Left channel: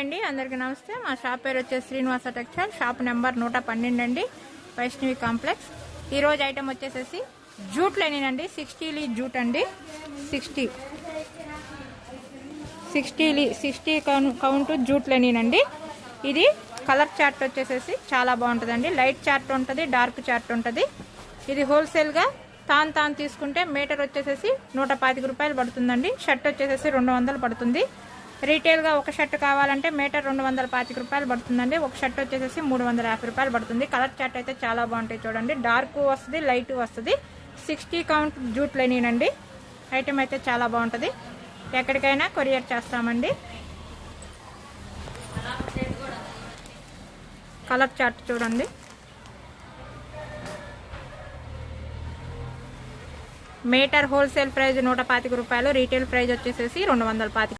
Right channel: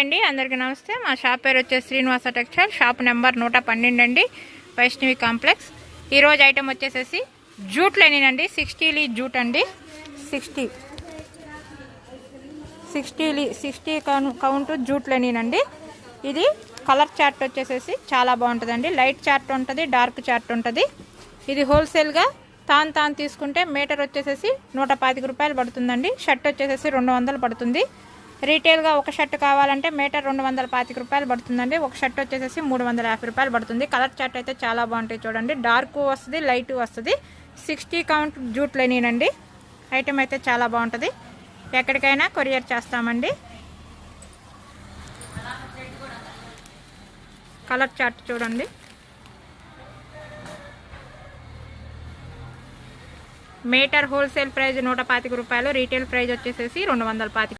అండి, అందరికీ నమస్తే. మా షాప్ పేరు వచ్చేసి శ్రీనివాస టెక్స్టైల్, షాప్ నెంబర్ 112 అండి, వైష్ణవి కాంప్లెక్స్. ఈరోజు ఐటెం వచ్చేసేసి జూట్ లెనిన్ అండి, 60 లీ జూట్ అండి. 60 కౌంట్ జూట్ లెనిన్ అండి. ఇది కలర్ చార్ట్ వచ్చేసేసి చాలా బాగుంటుందండి. లైట్ చార్ట్ ఉంటుంది, డార్క్ చార్ట్ ఉంటుంది. ఇది హోల్సేల్గా తాను తీసుకుంటే మీటర్ వచ్చేసేసి 125 రూపాయలు పడుతుందండి. షర్ట్ వచ్చేసేసి 200 పడుతుంది. రీటైల్గా ఒక షర్ట్ కావాలంటే మీటర్ 225 రూపాయలు పడుతుందండి. ఒక షర్ట్ వచ్చేసేసి 350 రూపాయలు పడుతుంది. కలర్ చార్ట్ అయితే చాలా బాగుంటాయి చూడండి. డార్క్ వస్తుంది, లైట్ వస్తుంది. 60 కౌంట్ జూట్ లెనిన్ అండి. ఐటెం అయితే చాలా బాగుంటుంది. ఎక్కడికైనా కొరియర్ చేస్తామండి. కలర్ చార్ట్ చూడండి. మీటర్ హోల్సేల్ ప్రైస్ 125 రూపాయలు, రీటైల్ ప్రైస్ వచ్చేసేసి 225.